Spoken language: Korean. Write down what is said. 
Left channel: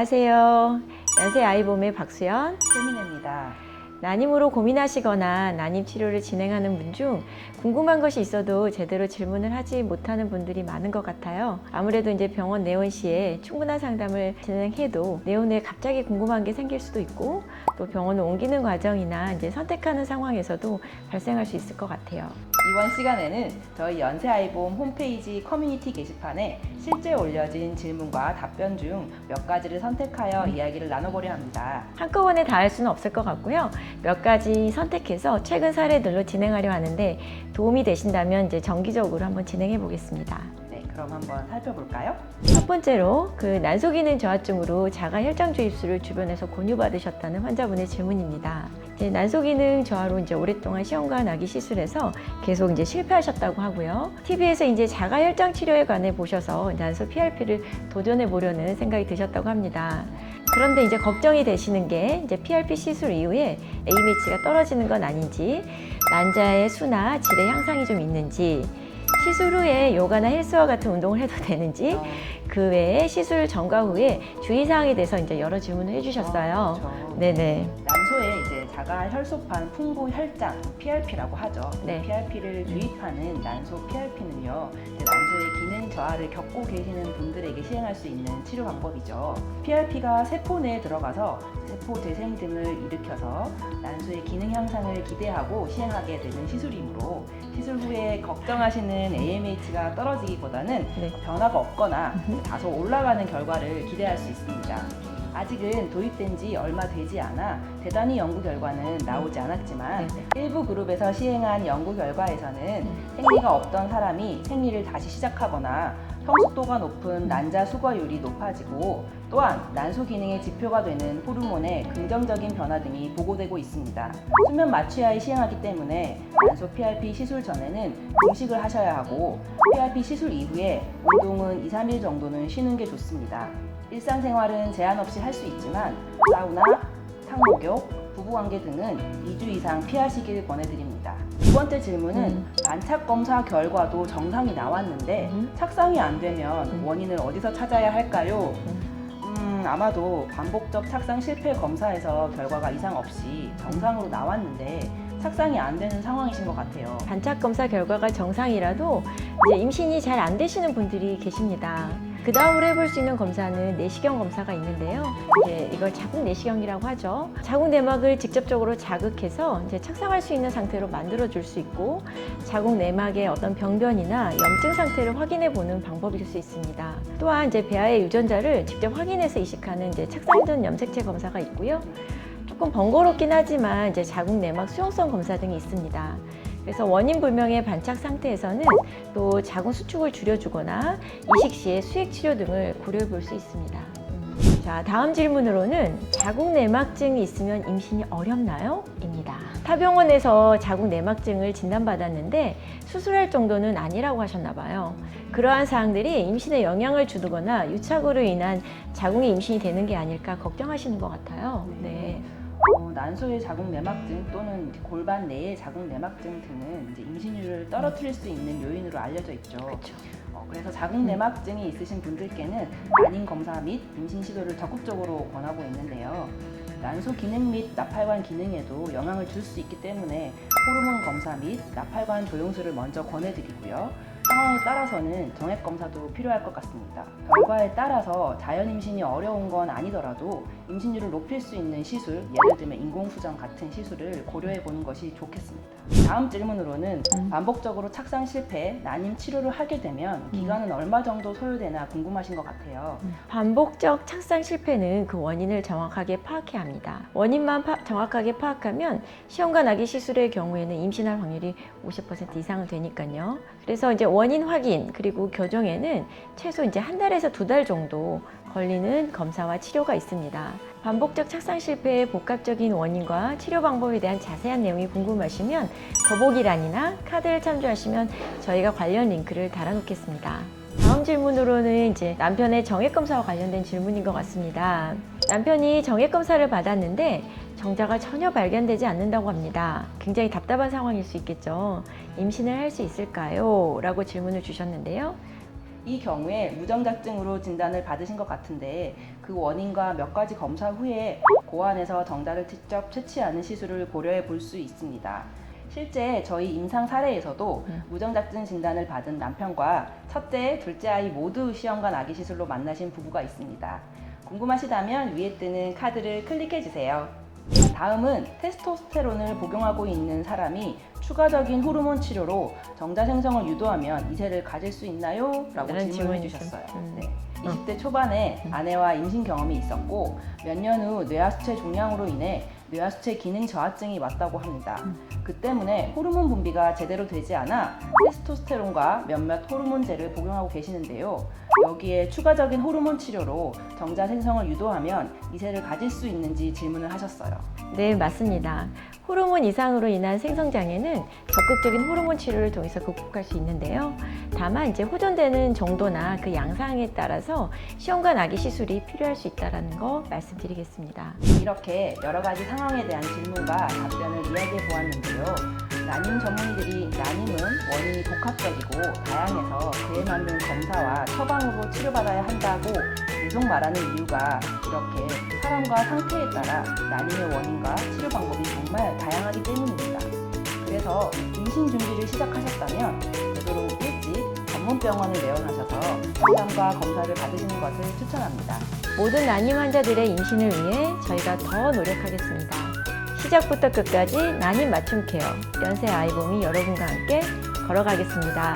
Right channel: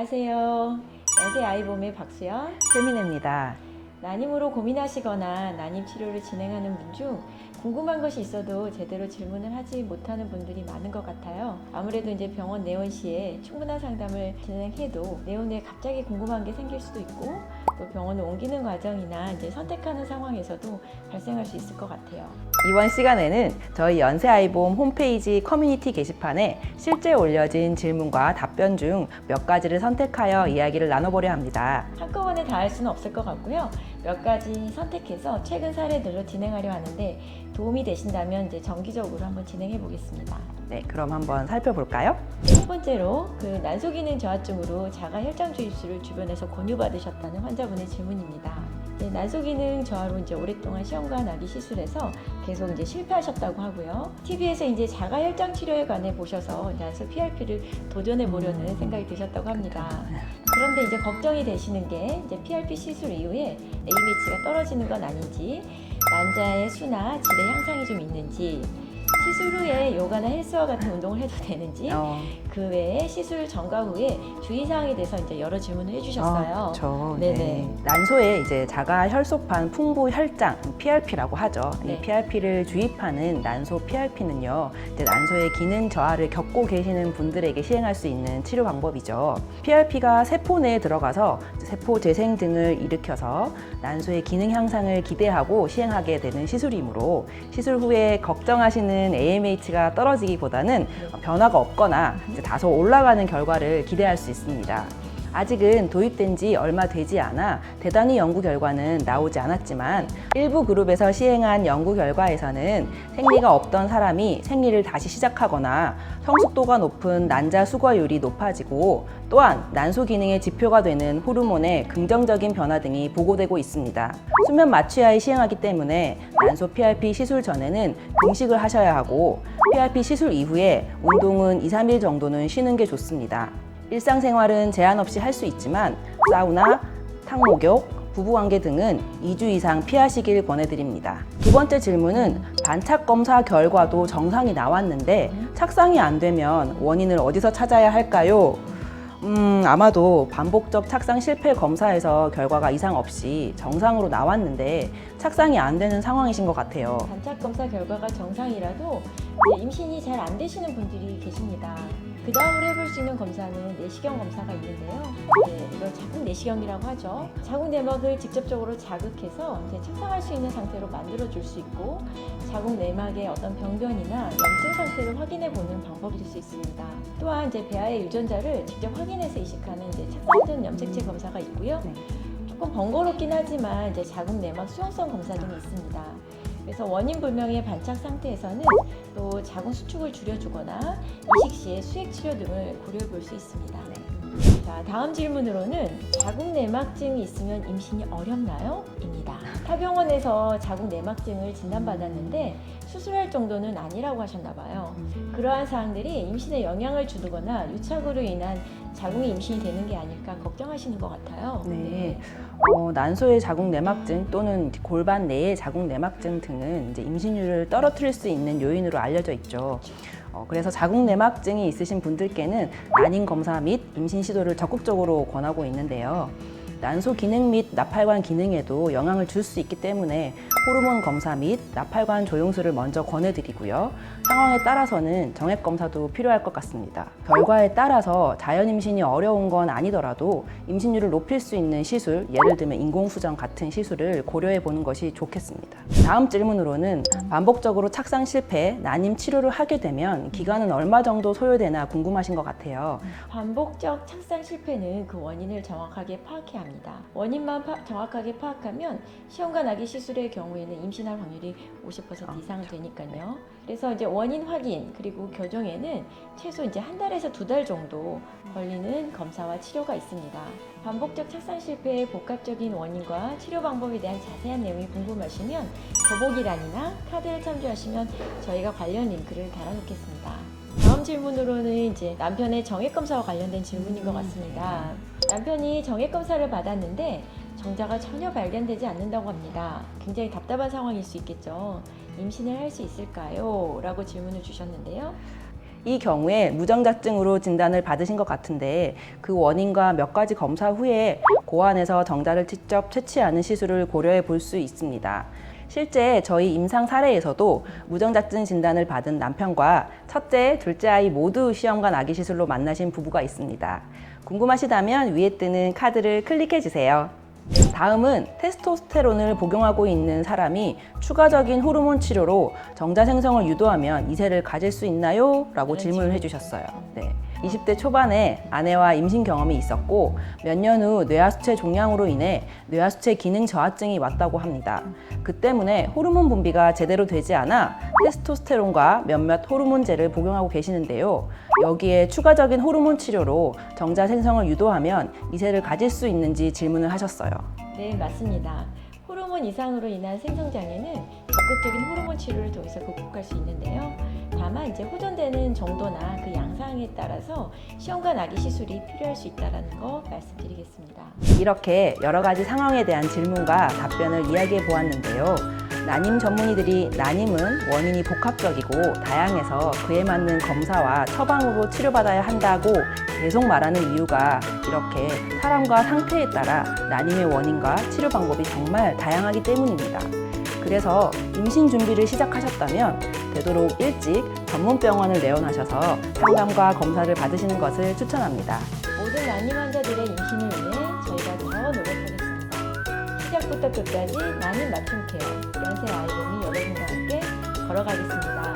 안녕하세요. 연세 아이봄의 박수연, 최민혜입니다. 난임으로 고민하시거나 난임 치료를 진행하는 분 중 궁금한 것이 있어도 제대로 질문을 하지 못하는 분들이 많은 것 같아요. 아무래도 이제 병원 내원 시에 충분한 상담을 진행해도 내원에 갑자기 궁금한 게 생길 수도 있고 또 병원을 옮기는 과정이나 이제 선택하는 상황에서도 발생할 수 있을 것 같아요. 이번 시간에는 저희 연세아이봄 홈페이지 커뮤니티 게시판에 실제 올려진 질문과 답변 중 몇 가지를 선택하여 이야기를 나눠보려 합니다. 한꺼번에 다 할 수는 없을 것 같고요. 몇 가지 선택해서 최근 사례들로 진행하려 하는데 도움이 되신다면 이제 정기적으로 한번 진행해 보겠습니다. 네, 그럼 한번 살펴볼까요? 첫 번째로 난소 기능 저하증으로 자가 혈장 주입술을 주변에서 권유받으셨다는 환자분의 질문입니다. 난소 기능 저하로 이제 오랫동안 시험관 아기 시술에서 계속 이제 실패하셨다고 하고요. TV에서 이제 자가 혈장 치료에 관해 보셔서 난소 PRP를 도전해 보려는 생각이 드셨다고 합니다. 그런데 이제 걱정이 되시는 게 이제 PRP 시술 이후에 AMH가 떨어지는 건 아닌지, 난자의 수나 질의 향상이 좀 있는지, 시술 후에 요가나 헬스와 같은 운동을 해도 되는지, 그 외에 시술 전과 후에 주의사항에 대해서 이제 여러 질문을 해주셨어요. 그렇죠. 네네. 난소에 이제 자가 혈소판 풍부 혈장, PRP라고 하죠. 네. 이 PRP를 주입하는 난소 PRP는요, 난소의 기능 저하를 겪고 계시는 분들에게 시행할 수 있는 치료 방법이죠. PRP가 세포 내에 들어가서 세포 재생 등을 일으켜서 난소의 기능 향상을 기대하고 시행하게 되는 시술이므로 시술 후에 걱정하시는 AMH가 떨어지기보다는 변화가 없거나 다소 올라가는 결과를 기대할 수 있습니다. 아직은 도입된 지 얼마 되지 않아 대단히 연구 결과는 나오지 않았지만 일부 그룹에서 시행한 연구 결과에서는 생리가 없던 사람이 생리를 다시 시작하거나 성숙도가 높은 난자 수거율이 높아지고 또한 난소 기능의 지표가 되는 호르몬의 긍정적인 변화 등이 보고되고 있습니다. 수면 마취하에 시행하기 때문에 난소 PRP 시술 전에는 금식을 하셔야 하고 PRP 시술 이후에 운동은 2-3일 정도는 쉬는 게 좋습니다. 일상생활은 제한 없이 할 수 있지만 사우나, 탕목욕, 부부관계 등은 2주 이상 피하시길 권해드립니다. 두 번째 질문은 반착 검사 결과도 정상이 나왔는데 착상이 안 되면 원인을 어디서 찾아야 할까요? 아마도 반복적 착상 실패 검사에서 결과가 이상 없이 정상으로 나왔는데 착상이 안 되는 상황이신 것 같아요. 반착 검사 결과가 정상이라도 이제 임신이 잘 안 되시는 분들이 계십니다. 그 다음으로 해볼 수 있는 검사는 내시경 검사가 있는데요. 이걸 자궁 내시경이라고 하죠. 자궁 내막을 직접적으로 자극해서 이제 착상할 수 있는 상태로 만들어줄 수 있고 자궁 내막의 어떤 병변이나 염증 상태를 확인해 보는 방법일 수 있습니다. 또한 이제 배아의 유전자를 직접 확인해서 이식하는 이제 착상 전 염색체 검사가 있고요. 조금 번거롭긴 하지만 이제 자궁 내막 수용성 검사 등이 있습니다. 그래서 원인 불명의 반착 상태에서는 또 자궁 수축을 줄여주거나 이식 시에 수액 치료 등을 고려해 볼 수 있습니다. 자, 다음 질문으로는 자궁 내막증이 있으면 임신이 어렵나요? 입니다. 타 병원에서 자궁 내막증을 진단받았는데 수술할 정도는 아니라고 하셨나 봐요. 그러한 사항들이 임신에 영향을 주거나 유착으로 인한 자궁의 임신이 되는 게 아닐까 걱정하시는 것 같아요. 네. 난소의 자궁 내막증 또는 골반 내의 자궁 내막증 등은 이제 임신율을 떨어뜨릴 수 있는 요인으로 알려져 있죠. 그래서 자궁 내막증이 있으신 분들께는 난임 검사 및 임신 시도를 적극적으로 권하고 있는데요. 난소 기능 및 나팔관 기능에도 영향을 줄 수 있기 때문에 호르몬 검사 및 나팔관 조영술을 먼저 권해드리고요. 상황에 따라서는 정액 검사도 필요할 것 같습니다. 결과에 따라서 자연 임신이 어려운 건 아니더라도 임신율을 높일 수 있는 시술, 예를 들면 인공수정 같은 시술을 고려해 보는 것이 좋겠습니다. 다음 질문으로는 반복적으로 착상 실패, 난임 치료를 하게 되면 기간은 얼마 정도 소요되나 궁금하신 것 같아요. 반복적 착상 실패는 그 원인을 정확하게 파악해야 합니다. 원인만 정확하게 파악하면 시험관 아기 시술의 경우에는 임신할 확률이 50% 이상은 되니까요. 그래서 이제 원인 확인 그리고 교정에는 최소 이제 1달에서 2달 정도 걸리는 검사와 치료가 있습니다. 반복적 착상 실패의 복합적인 원인과 치료 방법에 대한 자세한 내용이 궁금하시면 더보기란이나 카드를 참조하시면 저희가 관련 링크를 달아놓겠습니다. 다음 질문으로는 이제 남편의 정액 검사와 관련된 질문인 것 같습니다. 남편이 정액 검사를 받았는데 정자가 전혀 발견되지 않는다고 합니다. 굉장히 답답한 상황일 수 있겠죠. 임신을 할 수 있을까요? 라고 질문을 주셨는데요. 이 경우에 무정자증으로 진단을 받으신 것 같은데 그 원인과 몇 가지 검사 후에 고안해서 정자를 직접 채취하는 시술을 고려해 볼 수 있습니다. 실제 저희 임상 사례에서도 무정자증 진단을 받은 남편과 첫째, 둘째 아이 모두 시험관 아기 시술로 만나신 부부가 있습니다. 궁금하시다면 위에 뜨는 카드를 클릭해 주세요. 다음은 테스토스테론을 복용하고 있는 사람이 추가적인 호르몬 치료로 정자 생성을 유도하면 이세를 가질 수 있나요? 라고 질문을 해주셨어요. 네. 20대 초반에 아내와 임신 경험이 있었고 몇 년 후 뇌하수체 종양으로 인해 뇌하수체 기능 저하증이 왔다고 합니다. 그 때문에 호르몬 분비가 제대로 되지 않아 테스토스테론과 몇몇 호르몬제를 복용하고 계시는데요. 여기에 추가적인 호르몬 치료로 정자 생성을 유도하면 이세를 가질 수 있는지 질문을 하셨어요. 네, 맞습니다. 호르몬 이상으로 인한 생성장애는 적극적인 호르몬 치료를 통해서 극복할 수 있는데요. 다만 이제 호전되는 정도나 그 양상에 따라서 시험관 아기 시술이 필요할 수 있다는 거 말씀드리겠습니다. 이렇게 여러 가지 상황에 대한 질문과 답변을 이야기해 보았는데요. 난임 전문의들이 난임은 원인이 복합적이고 다양해서 그에 맞는 검사와 처방으로 치료받아야 한다고 계속 말하는 이유가 이렇게 사람과 상태에 따라 난임의 원인과 치료 방법이 정말 다양하기 때문입니다. 그래서 임신 준비를 시작하셨다면 되도록 일찍 전문병원을 내원하셔서 상담과 검사를 받으시는 것을 추천합니다. 모든 난임 환자들의 임신을 위해 저희가 더 노력하겠습니다. 시작부터 끝까지 난임 맞춤 케어 연세 아이봄이 여러분과 함께 걸어가겠습니다.